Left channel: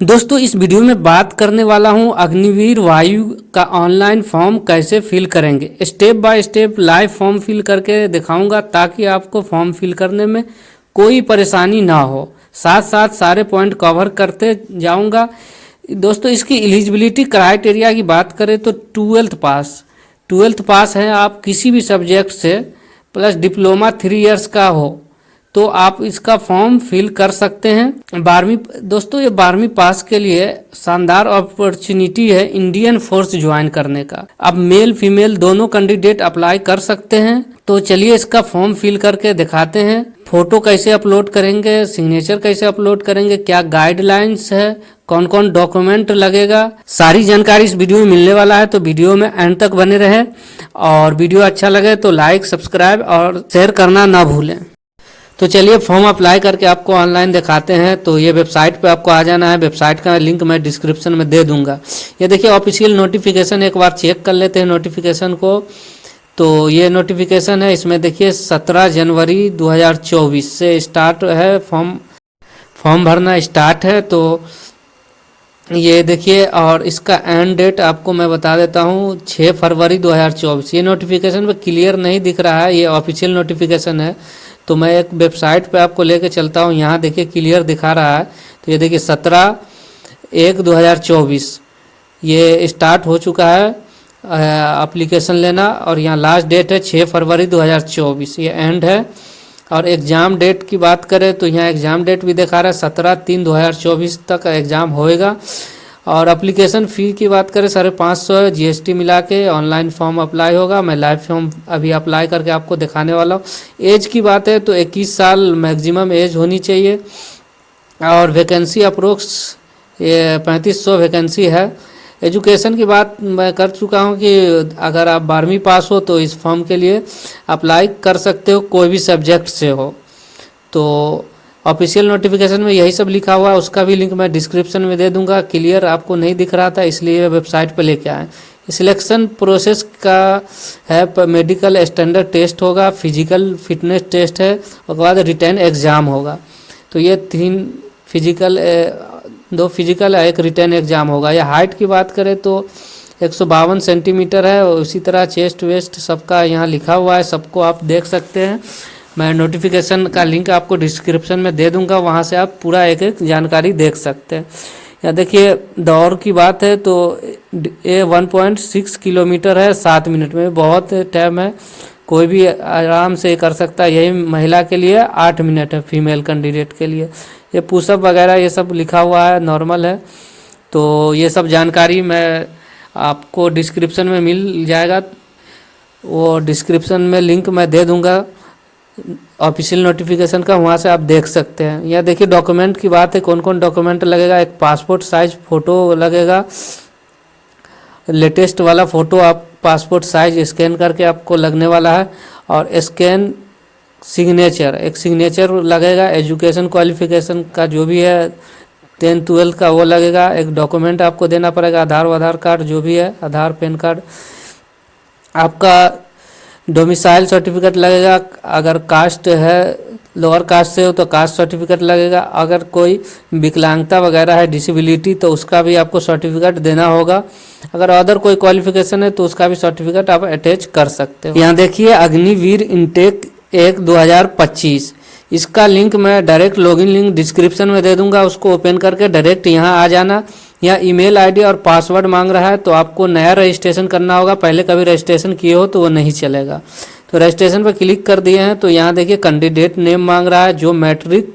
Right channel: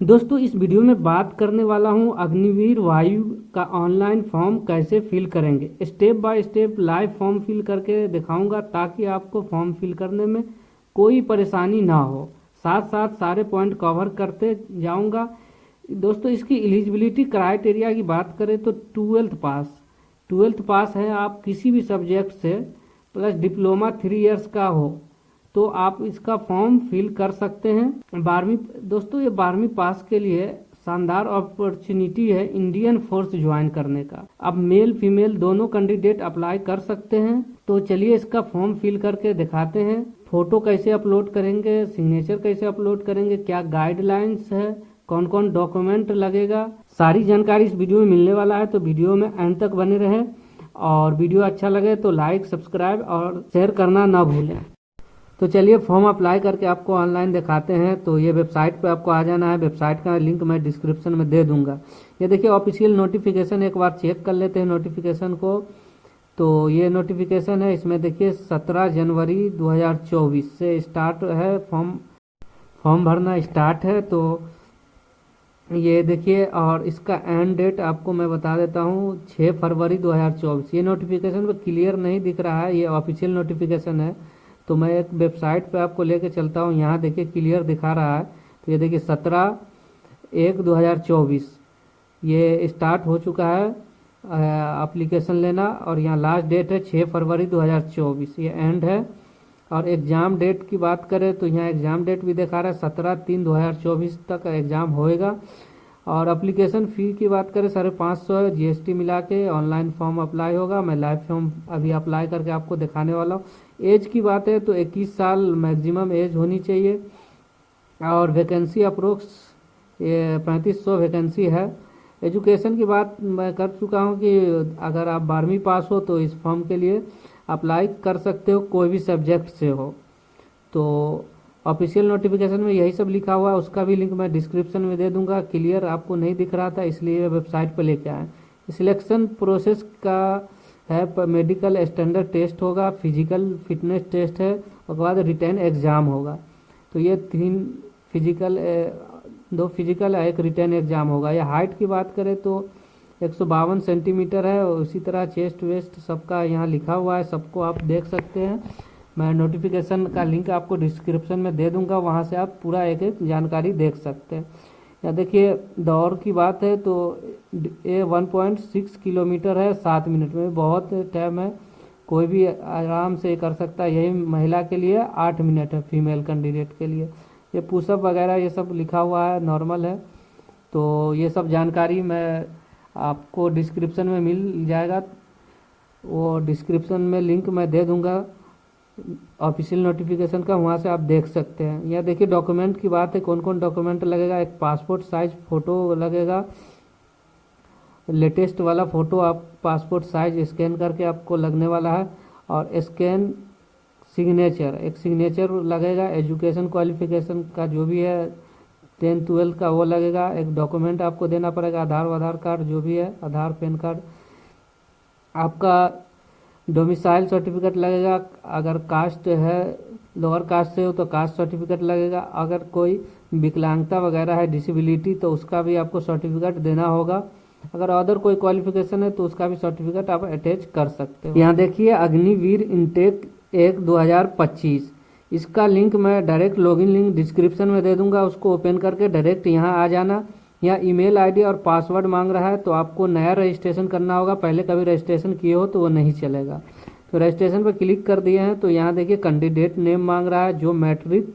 दोस्तों इस वीडियो में बात करने वाला हूं अग्निवीर वायु का ऑनलाइन फॉर्म कैसे फिल करेंगे। Step by step live form fill करके दिखाऊंगा ताकि आपको फॉर्म फिल करने में कोई परेशानी ना हो। साथ साथ सारे पॉइंट कवर करते जाऊंगा। दोस्तों इसकी एलिजिबिलिटी क्राइटेरिया की बात करें तो ट्वेल्थ पास है आप किसी भी सब्जेक्ट से, प्लस डिप्लोमा 3 इयर्स का हो तो आप इसका फॉर्म फिल कर सकते हैं। 12वीं दोस्तों ये 12वीं पास के लिए शानदार अपॉर्चुनिटी है इंडियन फोर्स ज्वाइन करने का। अब मेल फीमेल दोनों कैंडिडेट अप्लाई कर सकते हैं। तो चलिए इसका फॉर्म फिल करके दिखाते हैं। फोटो कैसे अपलोड करेंगे, सिग्नेचर कैसे अपलोड करेंगे, क्या गाइडलाइंस है, कौन कौन डॉक्यूमेंट लगेगा, सारी जानकारी इस वीडियो में मिलने वाला है। तो वीडियो में एंड तक बने रहें और वीडियो अच्छा लगे तो लाइक, सब्सक्राइब और शेयर करना ना भूलें। तो चलिए फॉर्म अप्लाई करके आपको ऑनलाइन दिखाते हैं। तो ये वेबसाइट पे आपको आ जाना है। वेबसाइट का लिंक मैं डिस्क्रिप्शन में दे दूंगा। ये देखिए ऑफिशियल नोटिफिकेशन, एक बार चेक कर लेते हैं नोटिफिकेशन को। तो ये नोटिफिकेशन है, इसमें देखिए 17 जनवरी 2024 से स्टार्ट है, फॉर्म भरना स्टार्ट है। तो ये देखिए और इसका एंड डेट आपको मैं बता देता हूँ 6 फरवरी 2024। ये नोटिफिकेशन पे क्लियर नहीं दिख रहा है, ये ऑफिशियल नोटिफिकेशन है। तो मैं एक वेबसाइट पे आपको लेके चलता हूँ, यहाँ देखिए क्लियर दिखा रहा है। तो ये देखिए 17/1/2024 ये स्टार्ट हो चुका है एप्लीकेशन लेना, और यहाँ लास्ट डेट है 6 फरवरी 2024, ये एंड है। और एग्ज़ाम डेट की बात करें तो यहाँ एग्ज़ाम डेट भी दिखा रहा है 17/3/2024 तक एग्ज़ाम होएगा। और एप्लीकेशन फ़ी की बात करें 550 GST मिला के ऑनलाइन फॉर्म अप्लाई होगा। मैं लाइव फॉर्म अभी अप्लाई करके आपको दिखाने वाला हूँ। एज की बात है तो 21 साल मैक्सिमम एज होनी चाहिए। और वैकेंसी अप्रोक्स ये 3500 वैकेंसी है। एजुकेशन की बात मैं कर चुका हूँ कि अगर आप 12वीं पास हो तो इस फॉर्म के लिए अप्लाई कर सकते हो, कोई भी सब्जेक्ट से हो। तो ऑफिशियल नोटिफिकेशन में यही सब लिखा हुआ है, उसका भी लिंक मैं डिस्क्रिप्शन में दे दूंगा। क्लियर आपको नहीं दिख रहा था इसलिए वेबसाइट पर लेके आए। सिलेक्शन प्रोसेस का है, मेडिकल स्टैंडर्ड टेस्ट होगा, फिजिकल फिटनेस टेस्ट है, उसके बाद रिटन एग्ज़ाम होगा। तो ये 2 फिजिकल एक रिटन एग्ज़ाम होगा। या हाइट की बात करें तो 152 सेंटीमीटर है। और उसी तरह चेस्ट वेस्ट सबका यहाँ लिखा हुआ है, सबको आप देख सकते हैं। मैं नोटिफिकेशन का लिंक आपको डिस्क्रिप्शन में दे दूंगा, वहाँ से आप पूरा एक एक जानकारी देख सकते हैं। यहाँ देखिए दौड़ की बात है तो ये 1.6 किलोमीटर है 7 मिनट में, बहुत टाइम है, कोई भी आराम से कर सकता है। यही महिला के लिए 8 मिनट है, फीमेल कैंडिडेट के लिए। ये पुशअप वगैरह ये सब लिखा हुआ है, नॉर्मल है। तो ये सब जानकारी मैं आपको डिस्क्रिप्शन में मिल जाएगा, वो डिस्क्रिप्शन में लिंक मैं दे दूंगा ऑफिशियल नोटिफिकेशन का, वहाँ से आप देख सकते हैं। यहाँ देखिए डॉक्यूमेंट की बात है, कौन कौन डॉक्यूमेंट लगेगा। एक पासपोर्ट साइज फ़ोटो लगेगा, लेटेस्ट वाला फ़ोटो आप पासपोर्ट साइज स्कैन करके आपको लगने वाला है। और स्कैन सिग्नेचर, एक सिग्नेचर लगेगा। एजुकेशन क्वालिफिकेशन का जो भी है 10th 12th का वो लगेगा। एक डॉक्यूमेंट आपको देना पड़ेगा, आधार कार्ड जो भी है, आधार पैन कार्ड। आपका डोमिसाइल सर्टिफिकेट लगेगा, अगर कास्ट है लोअर कास्ट से हो तो कास्ट सर्टिफिकेट लगेगा। अगर कोई विकलांगता वगैरह है, डिसेबिलिटी, तो उसका भी आपको सर्टिफिकेट देना होगा। अगर अदर कोई क्वालिफिकेशन है तो उसका भी सर्टिफिकेट आप अटैच कर सकते हो। यहाँ देखिए अग्निवीर इनटेक 1/2025, इसका लिंक मैं डायरेक्ट लॉगिन लिंक डिस्क्रिप्शन में दे दूंगा, उसको ओपन करके डायरेक्ट यहाँ आ जाना। यहाँ ईमेल आईडी और पासवर्ड मांग रहा है तो आपको नया रजिस्ट्रेशन करना होगा, पहले कभी रजिस्ट्रेशन किए हो तो वो नहीं चलेगा। तो रजिस्ट्रेशन पर क्लिक कर दिए हैं तो यहाँ देखिए कैंडिडेट नेम मांग रहा है, जो मैट्रिक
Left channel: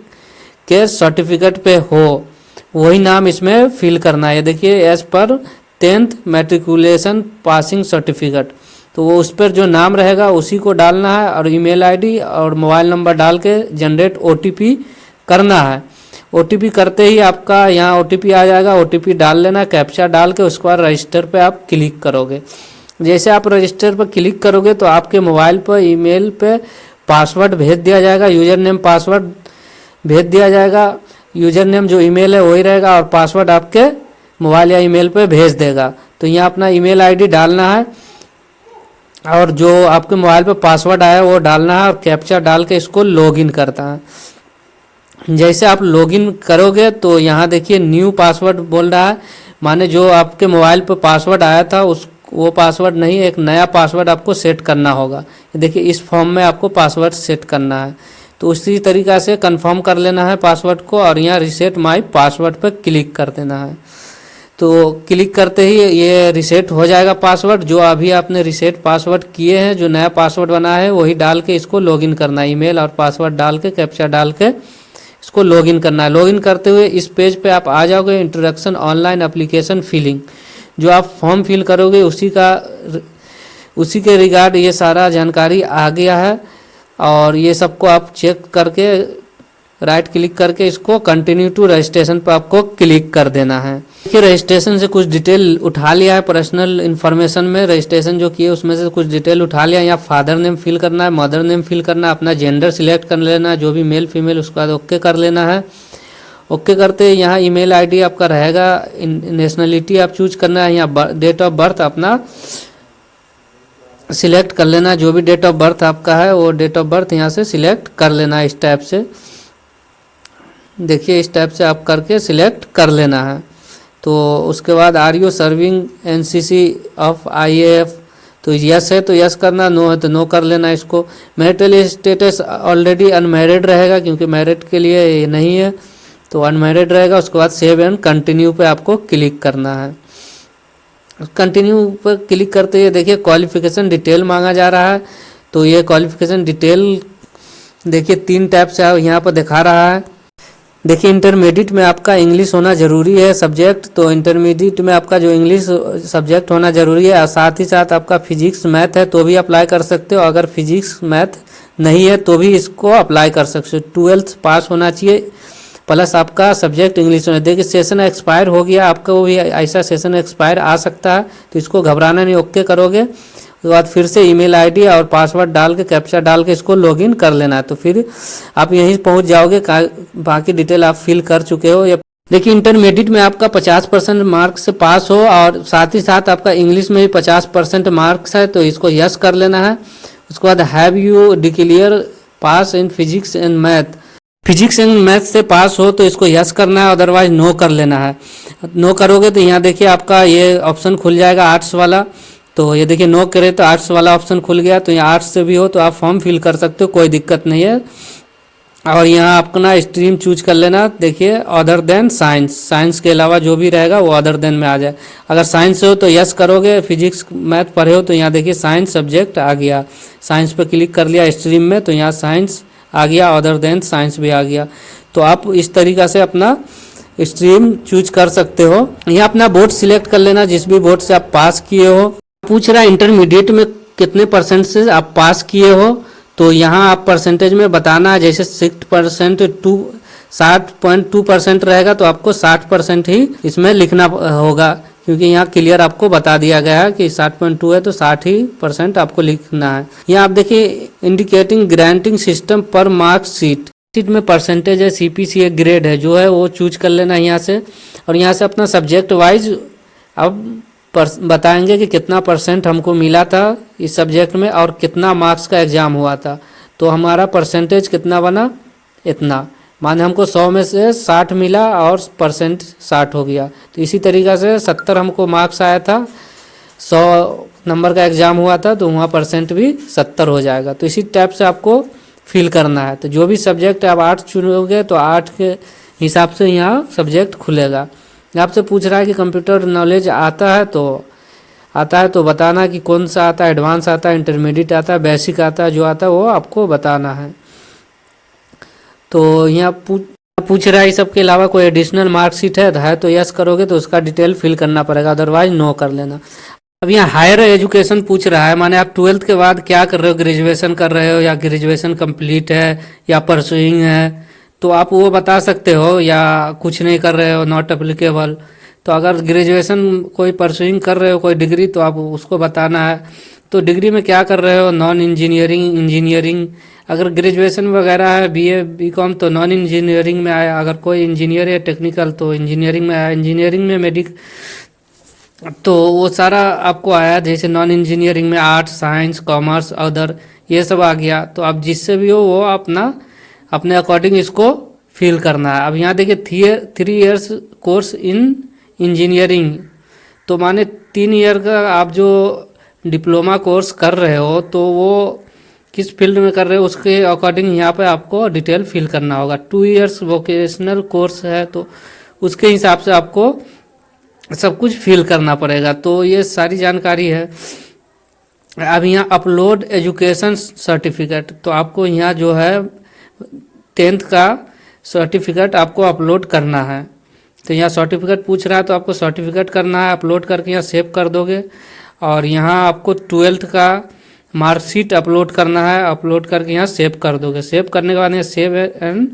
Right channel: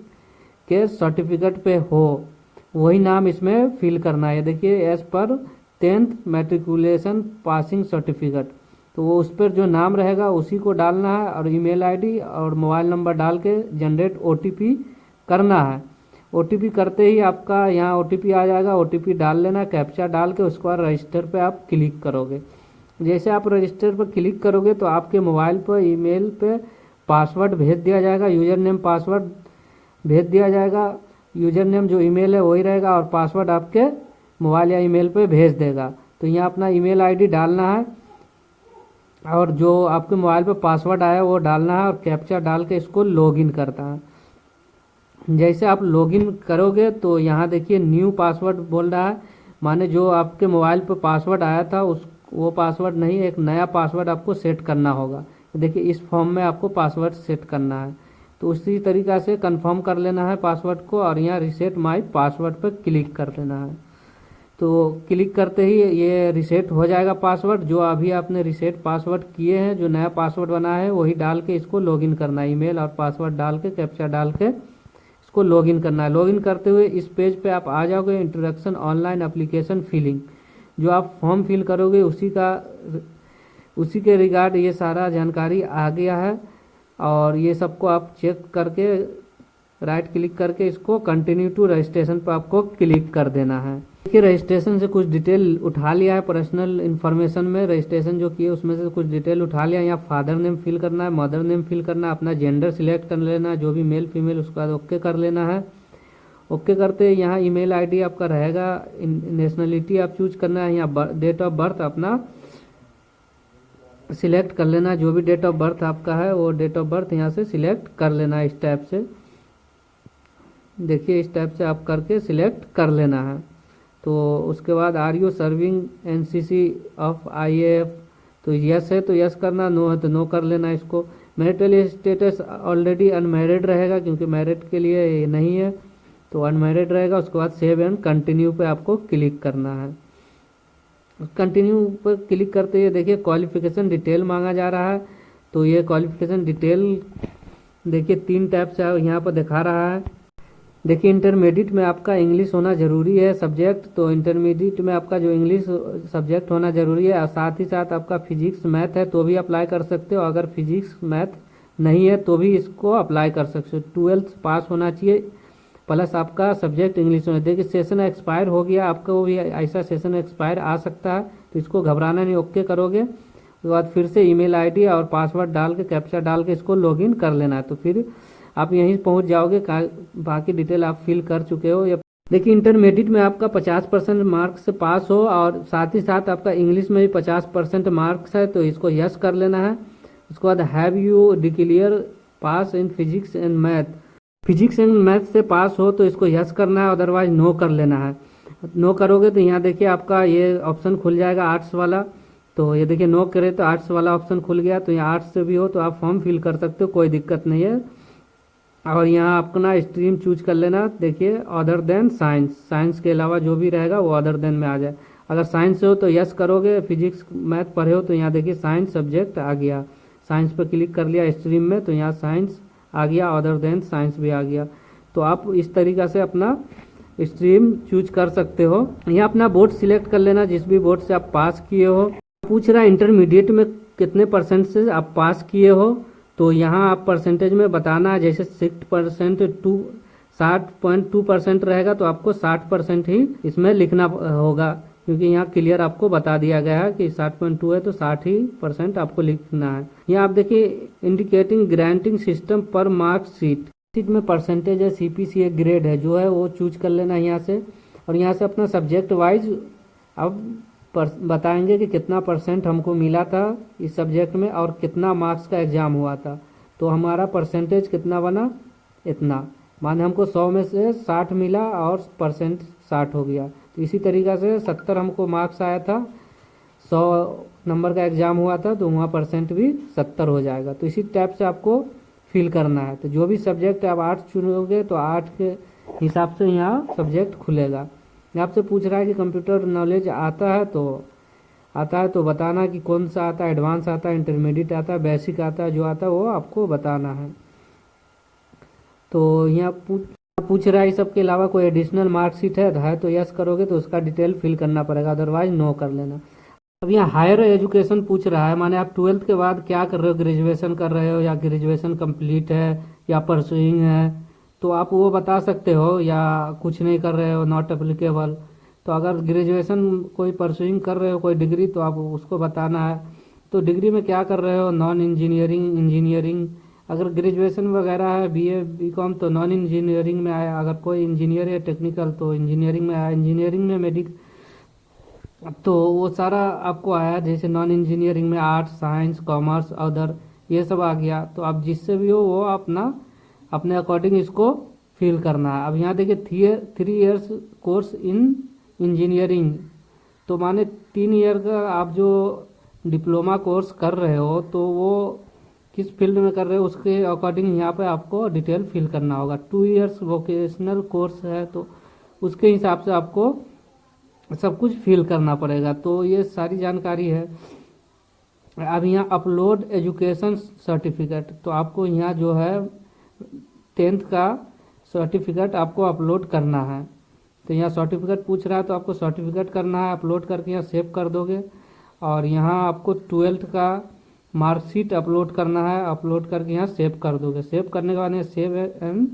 के सर्टिफिकेट पे हो वही नाम इसमें फिल करना है। देखिए as per 10th matriculation passing certificate, तो वो उस पर जो नाम रहेगा उसी को डालना है। और ईमेल आईडी और मोबाइल नंबर डाल के जनरेट OTP करना है। OTP करते ही आपका यहाँ OTP आ जाएगा, OTP डाल लेना, कैप्चा डाल के उसके बाद रजिस्टर पे आप क्लिक करोगे। जैसे आप रजिस्टर पर क्लिक करोगे तो आपके मोबाइल पर ईमेल पे पासवर्ड भेज दिया जाएगा, यूज़र नेम पासवर्ड भेज दिया जाएगा। यूज़र नेम जो ईमेल है वही रहेगा और पासवर्ड आपके मोबाइल या ईमेल पे भेज देगा। तो यहाँ अपना ईमेल आईडी डालना है और जो आपके मोबाइल पे पासवर्ड आया वो डालना है और कैप्चा डाल के इसको लॉगिन करता है। जैसे आप लॉगिन करोगे तो यहाँ देखिए न्यू पासवर्ड बोल रहा है, माने जो आपके मोबाइल पर पासवर्ड आया था उस वो पासवर्ड नहीं, एक नया पासवर्ड आपको सेट करना होगा। देखिए इस फॉर्म में आपको पासवर्ड सेट करना है, तो उसी तरीक़ा से कंफर्म कर लेना है पासवर्ड को और यहाँ रीसेट माय पासवर्ड पर क्लिक कर देना है। तो क्लिक करते ही ये रीसेट हो जाएगा पासवर्ड। जो अभी आपने रीसेट पासवर्ड किए हैं, जो नया पासवर्ड बना है वही डाल के इसको लॉगिन करना है, ईमेल और पासवर्ड डाल के कैप्चा डाल के इसको लॉगिन करना है। लॉगिन करते हुए इस पेज पे आप आ जाओगे, इंट्रोडक्शन ऑनलाइन एप्लीकेशन फिलिंग, जो आप फॉर्म फिल करोगे उसी के रिगार्ड ये सारा जानकारी आ गया है। और ये सबको आप चेक करके राइट क्लिक करके इसको कंटिन्यू टू रजिस्ट्रेशन पर आपको क्लिक कर देना है। देखिए रजिस्ट्रेशन से कुछ डिटेल उठा लिया है, पर्सनल इन्फॉर्मेशन में रजिस्ट्रेशन जो किए उसमें से कुछ डिटेल उठा लिया। यहाँ फादर नेम फिल करना है, मदर नेम फिल करना है, अपना जेंडर सिलेक्ट कर लेना है, जो भी मेल फीमेल, उसके बाद ओके कर लेना है। ओके करते यहाँ ईमेल आईडी आपका रहेगा, नेशनलिटी आप चूज करना है, यहाँ डेट ऑफ बर्थ अपना सिलेक्ट कर लेना, जो भी डेट ऑफ बर्थ आपका है वो डेट ऑफ बर्थ यहाँ से सिलेक्ट कर लेना इस टाइप से। देखिए इस टाइप से आप करके सिलेक्ट कर लेना है। तो उसके बाद are you serving NCC of IAF, तो यस है तो यस करना, नो है तो नो कर लेना इसको। मैरिटल स्टेटस ऑलरेडी अनमैरिड रहेगा क्योंकि मैरिड के लिए ये नहीं है, तो अनमैरिड रहेगा। उसके बाद सेव एंड कंटिन्यू पे आपको क्लिक करना है। कंटिन्यू पर क्लिक करते हुए देखिए क्वालिफिकेशन डिटेल मांगा जा रहा है, तो ये क्वालिफिकेशन डिटेल देखिए 3 टाइप से यहाँ पर दिखा रहा है। देखिए इंटरमीडिएट में आपका इंग्लिश होना ज़रूरी है सब्जेक्ट, तो इंटरमीडिएट में आपका जो इंग्लिश सब्जेक्ट होना ज़रूरी है, और साथ ही साथ आपका फिजिक्स मैथ है तो भी अप्लाई कर सकते हो। अगर फिजिक्स मैथ नहीं है तो भी इसको अप्लाई कर सकते हो। 12th पास होना चाहिए प्लस आपका सब्जेक्ट इंग्लिश होना। देखिए सेशन एक्सपायर हो गया आपका, वो भी ऐसा सेशन एक्सपायर आ सकता है, तो इसको घबराना नहीं, ओके करोगे। उसके बाद फिर से ईमेल आईडी और पासवर्ड डाल के कैप्चा डाल के इसको लॉगिन कर लेना है, तो फिर आप यहीं पहुंच जाओगे। बाकी डिटेल आप फिल कर चुके हो। या देखिए इंटरमीडिएट में आपका 50% मार्क्स से पास हो और साथ ही साथ आपका इंग्लिश में भी 50% मार्क्स है, तो इसको यस कर लेना है। उसके बाद have you declare pass in physics and math, physics and math से पास हो तो इसको यस करना है, अदरवाइज नो कर लेना है। नो करोगे तो यहाँ देखिए आपका ये ऑप्शन खुल जाएगा आर्ट्स वाला, तो ये देखिए नो करे तो आर्ट्स वाला ऑप्शन खुल गया। तो यहाँ आर्ट्स से भी हो तो आप फॉर्म फिल कर सकते हो, कोई दिक्कत नहीं है। और यहाँ अपना स्ट्रीम चूज कर लेना। देखिए अदर देन साइंस, साइंस के अलावा जो भी रहेगा वो अदर देन में आ जाए। अगर साइंस हो तो यस करोगे, फिजिक्स मैथ पढ़े हो तो यहाँ देखिए साइंस सब्जेक्ट आ गया, साइंस पे क्लिक कर लिया स्ट्रीम में, तो यहाँ साइंस आ गया, अदर देन साइंस भी आ गया। तो आप इस तरीक़ा से अपना स्ट्रीम चूज कर सकते हो। यहाँ अपना बोर्ड सिलेक्ट कर लेना, जिस भी बोर्ड से आप पास किए हो। पूछ रहा है इंटरमीडिएट में कितने % से आप पास किए हो, तो यहाँ आप परसेंटेज में बताना है। जैसे 60% टू 60.2% रहेगा तो आपको 60% ही इसमें लिखना होगा, क्योंकि यहाँ क्लियर आपको बता दिया गया है कि 60.2 है तो 60% आपको लिखना है। यहाँ आप देखिए इंडिकेटिंग ग्रांटिंग सिस्टम पर मार्क्स शीट में परसेंटेज है, CPCA ग्रेड है जो है वो चूज कर लेना यहाँ से। और यहाँ से अपना सब्जेक्ट वाइज अब बताएंगे कि कितना % हमको मिला था इस सब्जेक्ट में और कितना मार्क्स का एग्ज़ाम हुआ था। तो हमारा परसेंटेज कितना बना, इतना, माने हमको 100 में से 60 मिला और % 60 हो गया। तो इसी तरीक़ा से 70 हमको मार्क्स आया था, 100 नंबर का एग्ज़ाम हुआ था, तो वहाँ % भी 70 हो जाएगा। तो इसी टाइप से आपको फिल करना है। तो जो भी सब्जेक्ट आप 8 चुनोगे तो 8 के हिसाब से यहाँ सब्जेक्ट खुलेगा। आपसे पूछ रहा है कि कंप्यूटर नॉलेज आता है तो बताना कि कौन सा आता है, एडवांस आता है, इंटरमीडिएट आता है, बेसिक आता है, जो आता है वो आपको बताना है। तो यहाँ पूछ रहा है इस सब के अलावा कोई एडिशनल मार्कशीट है तो यस करोगे तो उसका डिटेल फिल करना पड़ेगा, अदरवाइज नो कर लेना। अब यहाँ हायर एजुकेशन पूछ रहा है, माने आप 12th के बाद क्या कर रहे हो, ग्रेजुएशन कर रहे हो या ग्रेजुएशन कंप्लीट है या परसुइंग है, तो आप वो बता सकते हो, या कुछ नहीं कर रहे हो, नॉट एप्लीकेबल। तो अगर ग्रेजुएशन कोई परसुइंग कर रहे हो कोई डिग्री तो आप उसको बताना है। तो डिग्री में क्या कर रहे हो, नॉन इंजीनियरिंग, इंजीनियरिंग। अगर ग्रेजुएशन वगैरह है BA BCom तो नॉन इंजीनियरिंग में आया, अगर कोई इंजीनियर है टेक्निकल तो इंजीनियरिंग में आया, इंजीनियरिंग में तो वो सारा आपको आया। जैसे नॉन इंजीनियरिंग में आर्ट्स, साइंस, कॉमर्स, अदर, ये सब आ गया। तो आप जिससे भी हो वो अपने अकॉर्डिंग इसको फिल करना है। अब यहाँ देखिए 3 इयर्स कोर्स इन इंजीनियरिंग, तो माने 3 ईयर का आप जो डिप्लोमा कोर्स कर रहे हो तो वो किस फील्ड में कर रहे हो उसके अकॉर्डिंग यहाँ पे आपको डिटेल फिल करना होगा। 2 इयर्स वोकेशनल कोर्स है तो उसके हिसाब से आपको सब कुछ फिल करना पड़ेगा। तो ये सारी जानकारी है। अब यहाँ अपलोड एजुकेशन सर्टिफिकेट, तो आपको यहाँ जो है 10th का सर्टिफिकेट आपको अपलोड करना है। तो यहाँ सर्टिफिकेट पूछ रहा है तो आपको सर्टिफिकेट करना है, अपलोड करके यहाँ सेव कर दोगे। और यहाँ आपको 12th का मार्कशीट अपलोड करना है, अपलोड करके यहाँ सेव कर दोगे। सेव करने के बाद यहाँ सेव एंड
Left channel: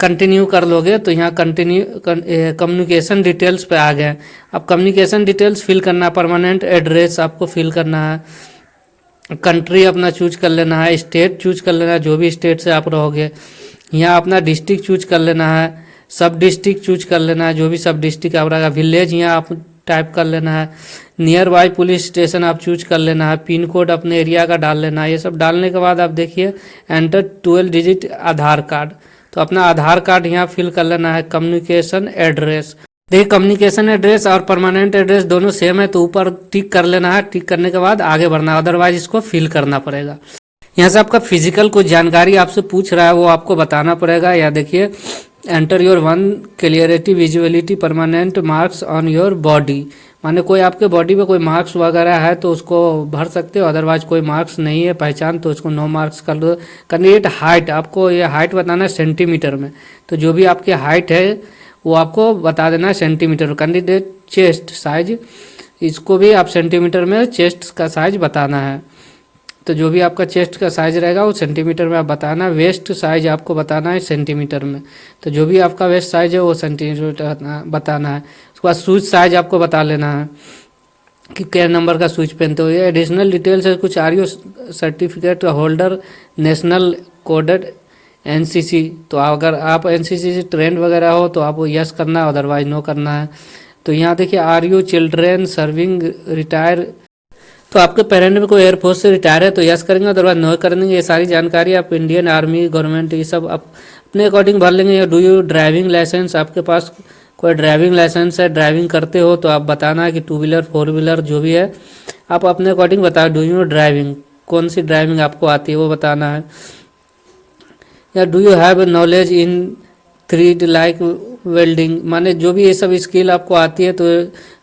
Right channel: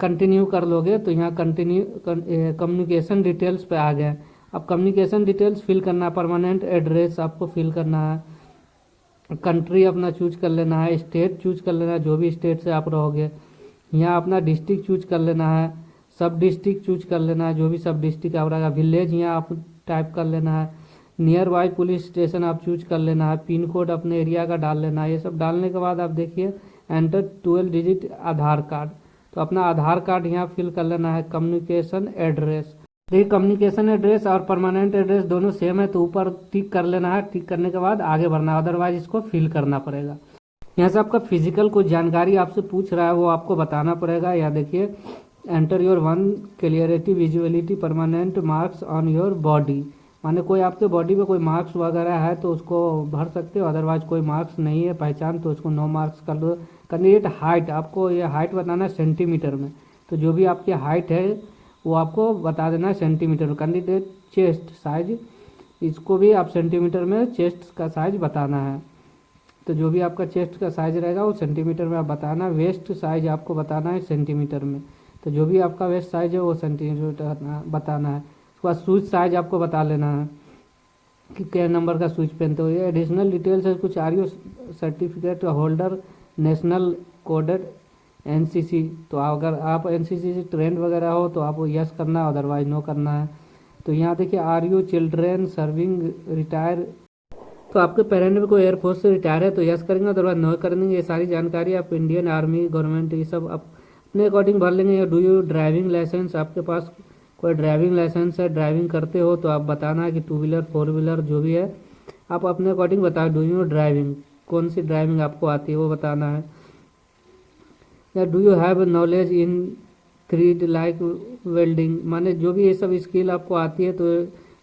कंटिन्यू कर लोगे तो यहाँ कंटिन्यू कम्युनिकेशन डिटेल्स पे आ गए। अब कम्युनिकेशन डिटेल्स फिल करना, परमानेंट एड्रेस आपको फिल करना है, कंट्री अपना चूज कर लेना है, स्टेट चूज कर लेना है जो भी स्टेट से आप रहोगे, यहाँ अपना डिस्ट्रिक्ट चूज कर लेना है, सब डिस्ट्रिक्ट चूज कर लेना है जो भी सब डिस्ट्रिक्ट आप रहेगा, विलेज यहाँ आप टाइप कर लेना है, नियर बाई पुलिस स्टेशन आप चूज कर लेना है, पिन कोड अपने एरिया का डाल लेना है। ये सब डालने के बाद आप देखिए एंटर 12 डिजिट आधार कार्ड, तो अपना आधार कार्ड यहाँ फिल कर लेना है। कम्युनिकेशन एड्रेस, देखिए कम्युनिकेशन एड्रेस और परमानेंट एड्रेस दोनों सेम है तो ऊपर टिक कर लेना है। टिक करने के बाद आगे बढ़ना है, अदरवाइज इसको फिल करना पड़ेगा। यहाँ से आपका फिजिकल कुछ जानकारी आपसे पूछ रहा है वो आपको बताना पड़ेगा। यहाँ देखिए enter your 1 clarity visuality permanent marks on your body, माने कोई आपके बॉडी पे कोई मार्क्स वगैरह है तो उसको भर सकते हो, अदरवाइज कोई मार्क्स नहीं है पहचान तो उसको नो मार्क्स कर दो। कैंडिडेट हाइट, आपको ये हाइट बताना है सेंटीमीटर में, तो जो भी आपकी हाइट है वो आपको बता देना है सेंटीमीटर में। कैंडिडेट चेस्ट साइज, इसको भी आप सेंटीमीटर में चेस्ट का साइज बताना है, तो जो भी आपका चेस्ट का साइज रहेगा वो सेंटीमीटर में आप बताना। वेस्ट साइज आपको बताना है सेंटीमीटर में, तो जो भी आपका वेस्ट साइज है वो सेंटीमीटर बताना है। उसके बाद शूज साइज आपको बता लेना है कि क्या नंबर का शूज पहनते हो। ये एडिशनल डिटेल्स है कुछ, are you certificate holder national coded NCC, तो अगर आप एनसीसी से ट्रेंड वगैरह हो तो आप यस करना है, अदरवाइज नो करना है। तो यहाँ देखिए are you children serving retire, तो आपके पेरेंट में कोई एयरफोर्स से रिटायर है तो यस करेंगे, अदरवाइज नो करेंगे। ये सारी जानकारी आप इंडियन आर्मी गवर्नमेंट ये सब आप अपने अकॉर्डिंग भर लेंगे। डू यू ड्राइविंग लाइसेंस, आपके पास कोई ड्राइविंग लाइसेंस है, ड्राइविंग करते हो तो आप बताना है कि 2 व्हीलर 4 व्हीलर जो भी है आप अपने अकॉर्डिंग बताओ। डू यू ड्राइविंग, कौन सी ड्राइविंग आपको आती है वो बताना है। या do you have knowledge in 3D like welding, माने जो भी ये सब स्किल आपको आती है तो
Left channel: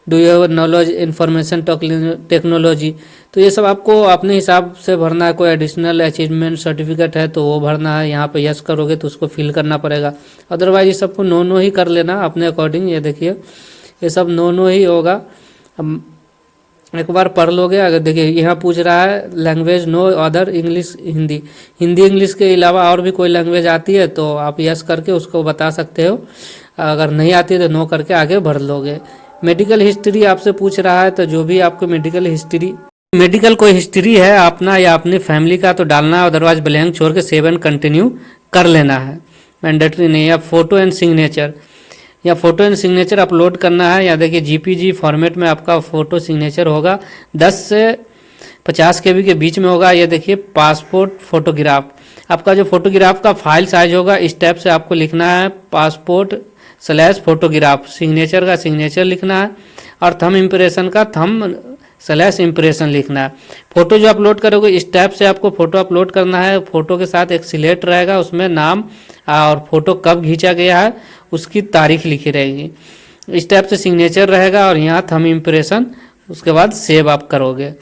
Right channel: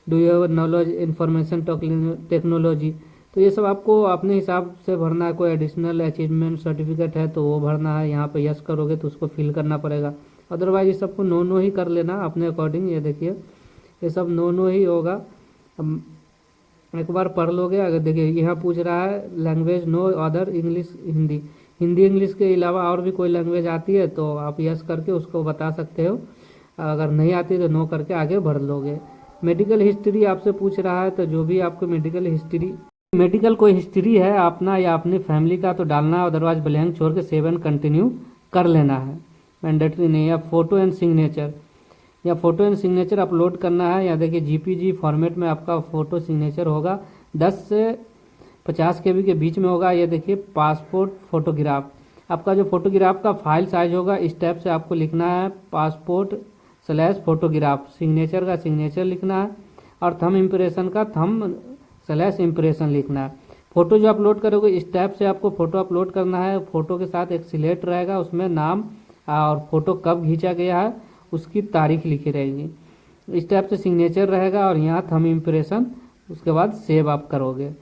do you have knowledge information technology, तो ये सब आपको अपने हिसाब से भरना है। कोई एडिशनल अचीवमेंट सर्टिफिकेट है तो वो भरना है, यहाँ पे यस करोगे तो उसको फिल करना पड़ेगा, अदरवाइज ये सबको नो नो ही कर लेना अपने अकॉर्डिंग। ये देखिए ये सब नो नो ही होगा। अब एक बार पढ़ लोगे। अगर देखिए यहाँ पूछ रहा है language no other English Hindi, Hindi English के अलावा और भी कोई लैंग्वेज आती है तो आप यस करके उसको बता सकते हो, अगर नहीं आती है तो नो करके आगे बढ़ लोगे। मेडिकल हिस्ट्री आपसे पूछ रहा है तो जो भी आपको मेडिकल कोई हिस्ट्री है अपना या अपनी फैमिली का तो डालना है, अदरवाइज ब्लैंक छोड़ के सेव एंड कंटिन्यू कर लेना है, मैंडेटरी नहीं है। या फोटो एंड सिग्नेचर, या फोटो एंड सिग्नेचर अपलोड करना है। या देखिए जीपीजी फॉर्मेट में आपका फोटो सिग्नेचर होगा, 10 से 50 KB के बीच में होगा। ये देखिए पासपोर्ट फोटोग्राफ, आपका जो फोटोग्राफ का फाइल साइज होगा इस टाइप से आपको लिखना है, पासपोर्ट/फोटोग्राफ, सिग्नेचर का सिग्नेचर लिखना है और थंब इम्प्रेशन का थंब/इम्प्रेशन लिखना है। फोटो जो अपलोड करोगे इस टाइप से आपको फोटो अपलोड करना है। फोटो के साथ एक सिलेक्ट रहेगा, उसमें नाम और फोटो कब खींचा गया है उसकी तारीख लिखी रहेगी। इस टाइप से सिग्नेचर रहेगा और यहाँ थंब इम्प्रेशन, उसके बाद सेव आप करोगे।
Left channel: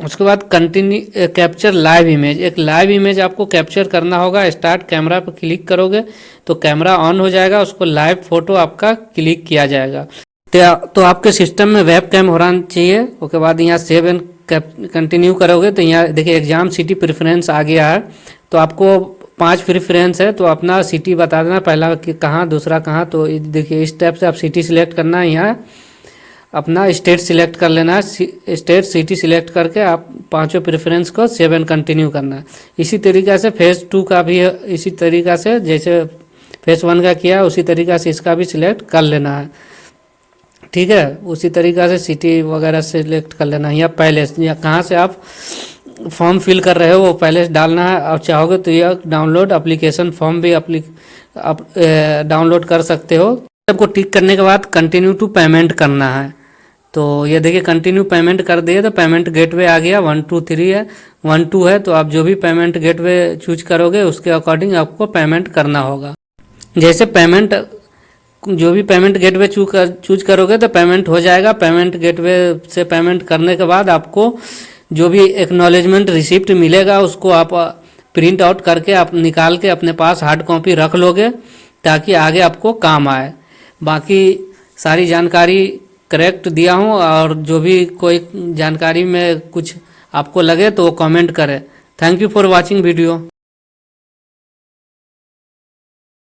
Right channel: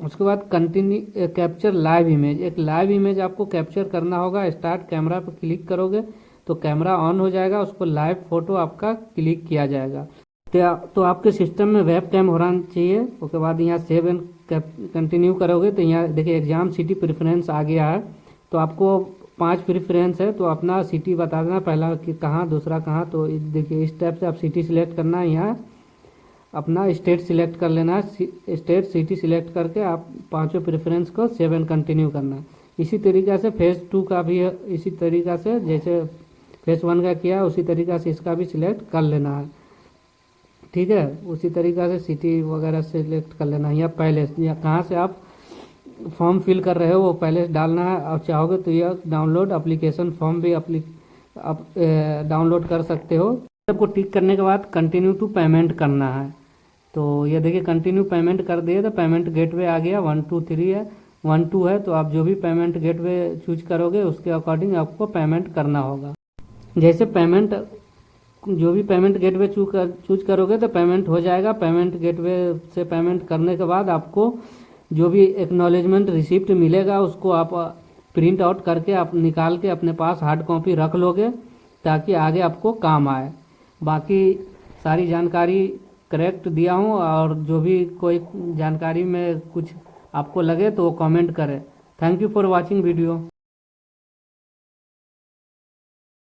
उसके बाद कंटिन्यू कैप्चर लाइव इमेज, एक लाइव इमेज आपको कैप्चर करना होगा। स्टार्ट कैमरा पर क्लिक करोगे तो कैमरा ऑन हो जाएगा, उसको लाइव फोटो आपका क्लिक किया जाएगा। तो आपके सिस्टम में वेब कैम होना चाहिए। उसके बाद यहाँ सेव एंड कंटिन्यू करोगे तो यहाँ देखिए एग्जाम सिटी प्रेफरेंस आ गया है, तो आपको 5 प्रेफरेंस है तो अपना सिटी बता देना, पहला कि कहाँ, दूसरा कहाँ। तो देखिए इस टाइप से आप सिटी सिलेक्ट करना है, यहाँ अपना स्टेट सिलेक्ट कर लेना है, स्टेट सिटी सिलेक्ट करके आप 5 प्रेफरेंस को सेव एंड कंटिन्यू करना है। इसी तरीक़े से फेज़ 2 का भी इसी तरीक़ा से जैसे फेज़ 1 का किया उसी तरीक़ा से इसका भी सिलेक्ट कर लेना है, ठीक है। उसी तरीक़ा से सिटी वगैरह सिलेक्ट कर लेना है। या पैलेस, या कहाँ से आप फॉर्म फिल कर रहे हो वो पहले डालना है। और चाहोगे तो यह डाउनलोड एप्लीकेशन फॉर्म भी आप डाउनलोड कर सकते हो। सबको टिक करने के बाद कंटिन्यू टू पेमेंट करना है। तो ये देखिए कंटिन्यू पेमेंट कर दिए तो पेमेंट गेटवे आ गया। 1 2 3 है, 1 2 है, तो आप जो भी पेमेंट गेटवे चूज करोगे उसके अकॉर्डिंग आपको पेमेंट करना होगा। जैसे पेमेंट जो भी पेमेंट गेटवे चूज करोगे तो पेमेंट हो जाएगा। पेमेंट गेटवे से पेमेंट करने के बाद आपको जो भी एक्नॉलेजमेंट रिसिप्ट मिलेगा उसको आप प्रिंट आउट करके आप निकाल के अपने पास हार्ड कॉपी रख लोगे ताकि आगे आपको काम आए। बाकी सारी जानकारी करेक्ट दिया हूँ, और जो भी कोई जानकारी में कुछ आपको लगे तो वो कमेंट करें। Thank you for watching video.